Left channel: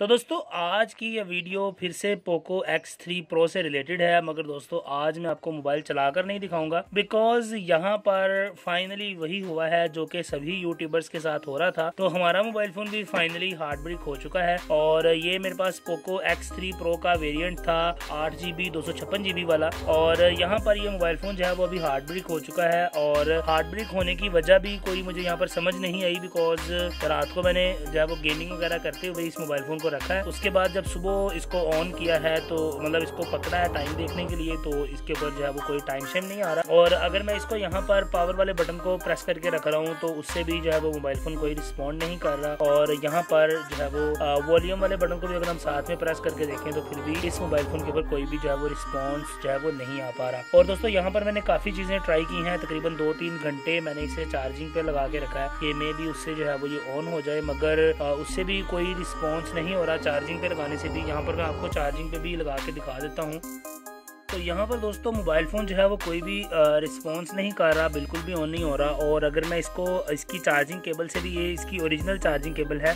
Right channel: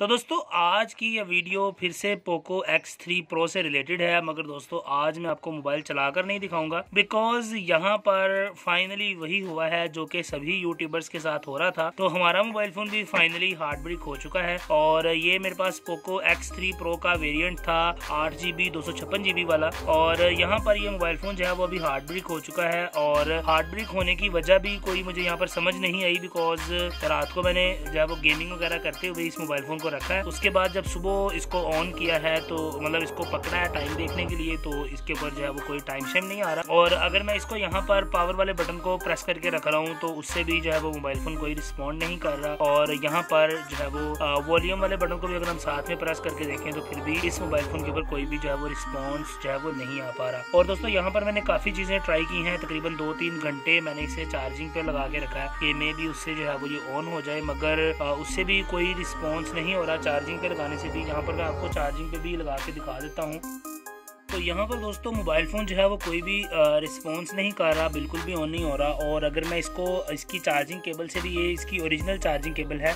तो दोस्तों आज की ये वीडियो फिर से पोको X3 Pro से रिलेटेड है, मगर दोस्तों आज मैं आपको मोबाइल चलाकर नहीं दिखाऊंगा बिकॉज यहाँ पर फाइनली वही हुआ है जो कि सभी यूट्यूबर्स के साथ हो रहा था। तो हमारा मोबाइल फोन भी फाइनली हार्ड ब्रेक हो चुका है और ये मेरे पास पोको X3 Pro का वेरिएंट था 8GB 256GB वाला, और यहाँ पर ये मोबाइल फोन जो है वो अभी हार्ड ब्रेक हो चुका है। और हार्ड ब्रेक होने की वजह भी कोई मुझे यहाँ पर समझ नहीं आई बिकॉज रात को मैंने जो है वो गेमिंग वगैरह करते हुए इस मोबाइल फोन रखा है। उसके बाद जब सुबह इसको ऑन किया है तो मतलब इसको पकड़ा है टाइम देखने के लिए, तो इसके ऊपर जो है वो कोई टाइम शेम नहीं आ रहा। और अगर मैं इसको यहाँ पर पावर वाले बटन को प्रेस करके रख रहा हूँ तो उससे भी जो है वो मोबाइल फोन कोई रिस्पॉन्ड नहीं कर रहा। और यहाँ पर जो है वो वॉल्यूम वाले बटन को भी अगर हम साथ में प्रेस करके देखें तो फिर भी इस मोबाइल फोन के ऊपर कोई भी जो है वो रिस्पॉन्स जो है वो नहीं आ पा रहा। और दोस्तों यहाँ पर मैंने काफी चीजें ट्राई की हैं, तकरीबन 2-3 घंटे मैंने इसे चार्जिंग पे लगा के रखा है कि मे भी उससे जो है वो ये ऑन हो जाए, मगर उससे भी कोई रिस्पॉन्स नहीं हो रहा। चार्जिंग पे लगाने से भी, यहाँ पर मैं आपको चार्जिंग पे भी लगा के दिखा देता हूँ। तो यहाँ पर दोस्तों मोबाइल फ़ोन जो है वो कोई भी रिस्पॉन्स नहीं कर रहा, बिल्कुल भी ऑन नहीं हो रहा। और अगर मैं इसकी चार्जिंग केबल से भी, ये इसकी ओरिजिनल चार्जिंग केबल है,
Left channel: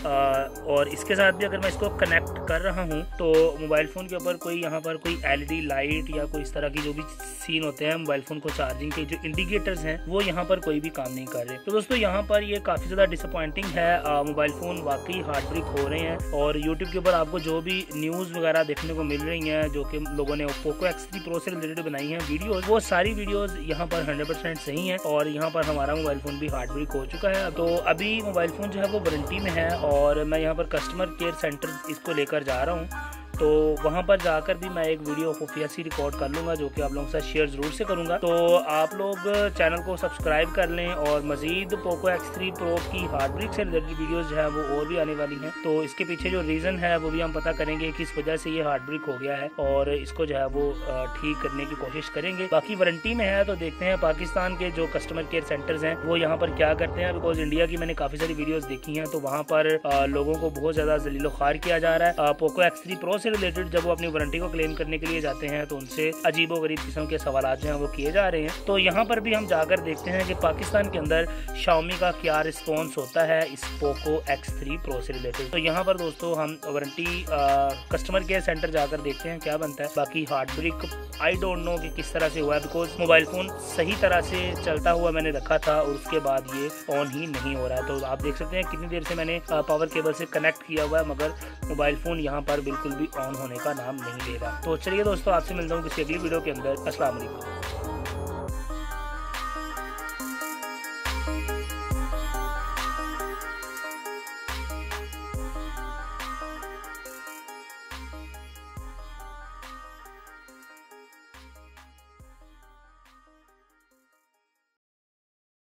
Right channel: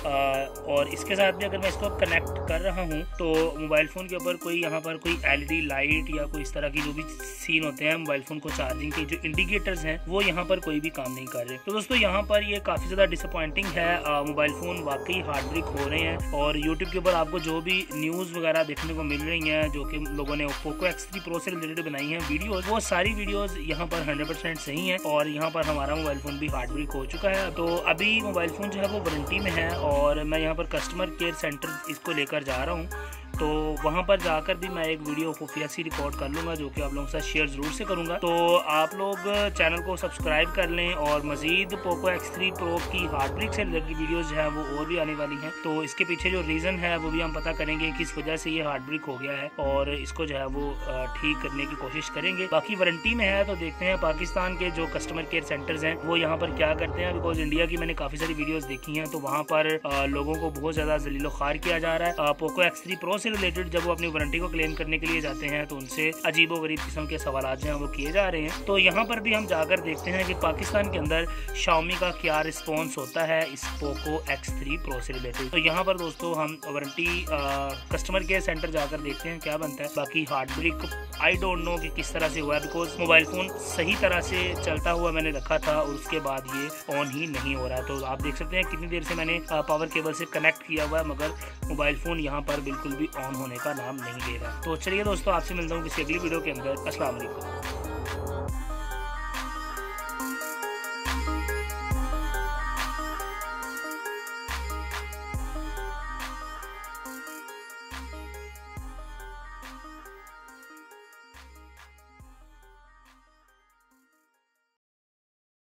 और इसके साथ भी अगर मैं इसको कनेक्ट कर रहा हूँ तो मोबाइल फ़ोन के ऊपर कोई यहाँ पर कोई LED लाइट या कोई इस तरह की जो भी सीन होते हैं मोबाइल फ़ोन को चार्जिंग के जो इंडिकेटर्स हैं वो यहाँ पर कोई भी काम नहीं कर रहे। तो दोस्तों यहाँ पर ये काफ़ी ज़्यादा डिसअपॉइंटिंग है। मोबाइल फ़ोन वाकई हार्ड ब्रेक हो रहे हैं और यूट्यूब के ऊपर आपको जो भी न्यूज़ वगैरह देखने को मिल रही हैं जो कि लोगों ने पोको X3 Pro से रिलेटेड बनाई हैं वीडियोस, वो सारी वीडियोस यहाँ पर 100% सही हैं। और यहाँ पर हमारा मोबाइल फोन भी हार्ड ब्रेक हो चुका है। तो अभी मोबाइल फोन जो है वो वारंटी में है और मैं यहाँ पर कस्टमर केयर सेंटर इसको लेकर जा रहा हूँ। तो वहाँ पर जाकर भी मैं एक वीडियो खुफिया सी रिकॉर्ड कर लूँगा जो कि आप लोगों के साथ शेयर ज़रूर से करूँगा। तो आप लोग चैनल को सब्सक्राइब कर लें और मज़ीद पोको X3 Pro की हार्ड ब्रेक से रिलेटेड वीडियोस जो है वो और भी आने वाली हैं। तो इसके पीछे जो रीज़न है वो भी हम पता करेंगे किस वजह से ये हार्ड ब्रेक हो गया है और इसको जो है वो ठीक करने की कोशिश करेंगे। बाकी वारंटी में है तो देखते हैं पाकिस्तान के जो कस्टमर केयर सेंटर्स हैं वो यहाँ पर क्या करते हैं। बिकॉज इंडिया की मैंने काफ़ी सारी वीडियोज़ देखी हैं तो वहाँ पर लोगों को बहुत ज़्यादा जलीलो ख्वार किया जा रहा है। पोको X3 Pro से रिलेटेड जब वो अपनी वारंटी को क्लेम करने के लिए जाते हैं तो उनसे अजीबो गरीब किस्म के सवाल जो हैं वो किए जा रहे हैं। तो यहाँ पर भी हम जाकर देखते हैं कि पाकिस्तान के अंदर Xiaomi का क्या रिस्पॉन्स होता है इस पोको X3 Pro से रिलेटेड। तो यहाँ पर दोस्तों हम वारंटी कस्टमर केयर सेंटर जाकर देखते हैं क्या बनता है। बाकी hard break I don't know कि किस तरह से हुआ है बिकॉज मोबाइल फोन सही तरह से चलता हुआ मैंने रखा था और उसके बाद ये ऑन ही नहीं हो रहा है। तो आप देख सकते हैं कितनी देर से मैंने पावर केबल से कनेक्ट किया हुआ है मगर मोबाइल फोन यहाँ पर बिल्कुल भी ऑन होने का नाम नहीं ले रहा। तो चलिए दोस्तों आपसे मिलता हूँ किसी अगली वीडियो के अंदर। अस्सलाम वालेकुम।